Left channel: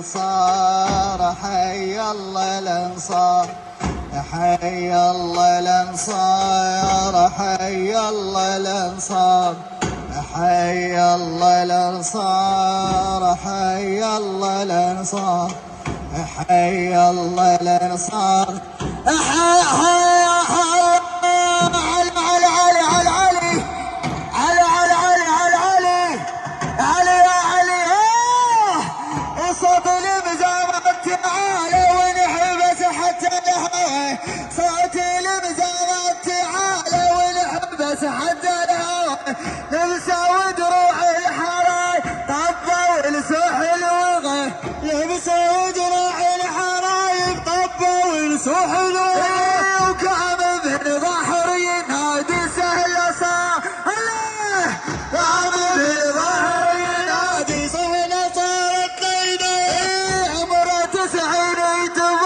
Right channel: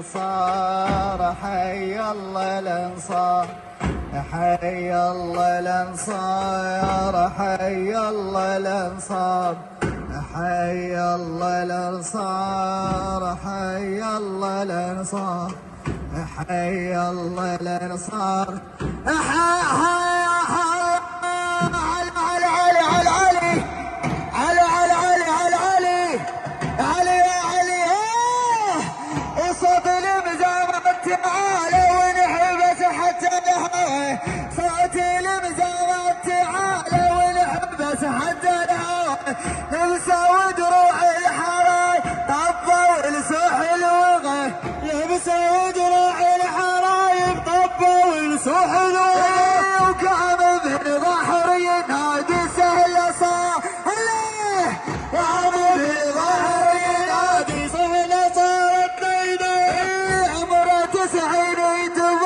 الانصار حي الله الانصار حي الله الانصار حي الله الانصار حي الله الانصار حي الله الانصار حي الله الانصار حي صوت المزامات تعالى ونحبس حتى الهوى صوت المزامات تعالى ونحبس حتى الهوى نمسى ودروع الحراي طبوا لسوح الوغى لمسى ودروع الحراي طبوا لسوح الوغى وكان ابن بحر ينادي سهل صار قام ابن بحر ينادي سهل صار عمره 90